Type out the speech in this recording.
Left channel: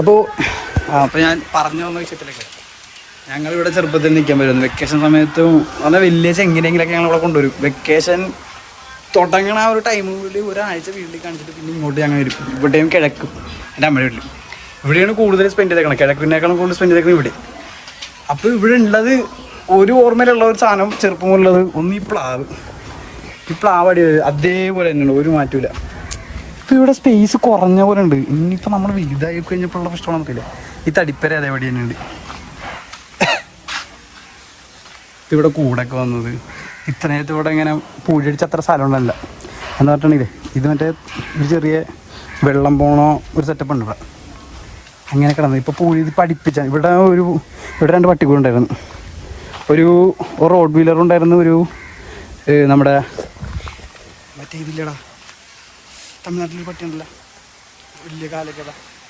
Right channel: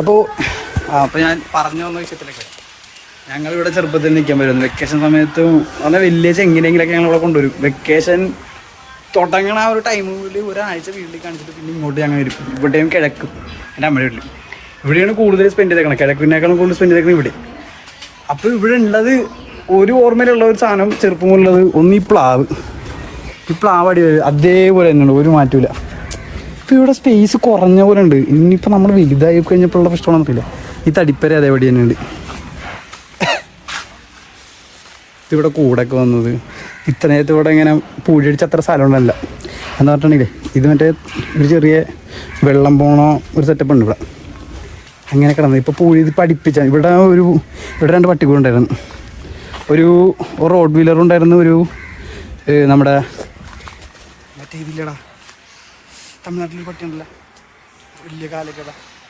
അപ്പോൾ ഞാൻ പറഞ്ഞു വന്ന വിഷയത്തിലൊക്കെ ഞങ്ങളിവിടെ ചെറുപ്പത്തിൽ നിൽക്കാൻ പറ്റുന്നു. വെക്കേഷൻ സമയത്തും നല്ല വലിയ ചെങ്ങിലെങ്കിലൊക്കെ ഞങ്ങളിവിടെ കൊണ്ടുവരും. വെക്കേഷൻ തുടങ്ങണ ആ ഒരു ടൈമിൽ ഒരാഴ്ച വീട്ടിൽ കാണിച്ചിട്ട് പിന്നെ ഇങ്ങോട്ട് ഞങ്ങൾ വരും. ഇവിടെയും കിഴക്കും എൻ്റെ അമ്മയുടെ വീട്ടിൽ ഇവിടെയാണ് കൂടുതൽ സ്പെൻഡ് ചെയ്തേക്കണം. കിഴക്കിനേക്കാളും കൂടുതൽ സ്പെൻഡ് ചെയ്തേക്കണം ഇവിടെ. അപ്പോൾ ഇവിടെ ഉള്ളത് ഒരു ഓർമ്മയിലുള്ള ഒരു സാധനം ചെറുപ്പമുള്ളത് ഒന്ന് ഈ പ്ലാവ് അടി അതേപോലെ തന്നെയുള്ളൂ, ഒരു മാറ്റമില്ല. ഇപ്പോൾ ഇവിടെ സ്പേസ് കുറഞ്ഞ പോലെ ഉണ്ട്. ഇനിയിപ്പോൾ നമ്മൾ വലുതായി കഴിഞ്ഞപ്പോഴുള്ള പ്രശ്നമാണെന്ന് അറിയില്ല. ഈ തടിപ്പര അതേപടി തന്നെ ഉണ്ട്. ഇവിടെ കൂടൊക്കെ വന്നത് ഇത്ര നേരത്തെ ഇവിടെ ഇങ്ങനെ പൂഴിയടിച്ച് അത്ര സ്ഥലം ഉണ്ടല്ല എന്ന് പറഞ്ഞിട്ടുണ്ടെങ്കിലേ ഇത് മറ്റേ ഒരു ചെറിയ വെള്ളം പോണോ ഒരു സെറ്റപ്പ് ഉണ്ട് ഇവിടെ. അങ്ങനെ കിടന്നത് ഇപ്പോൾ പൂഴി ഇത് പഠിപ്പിച്ച ഇവിടെ രണ്ട് പട്ടികളുണ്ടായിരുന്നു. ഒരു റോഡ് വീലർ ഉണ്ടായിരുന്നു. ഒരു നമ്മുടെ മറ്റേ ഇതില്ലടാ തമിഴ്നാട്ടിൽ പട്ടി ഉണ്ടല്ലോ വലിയ കാലൊക്കെ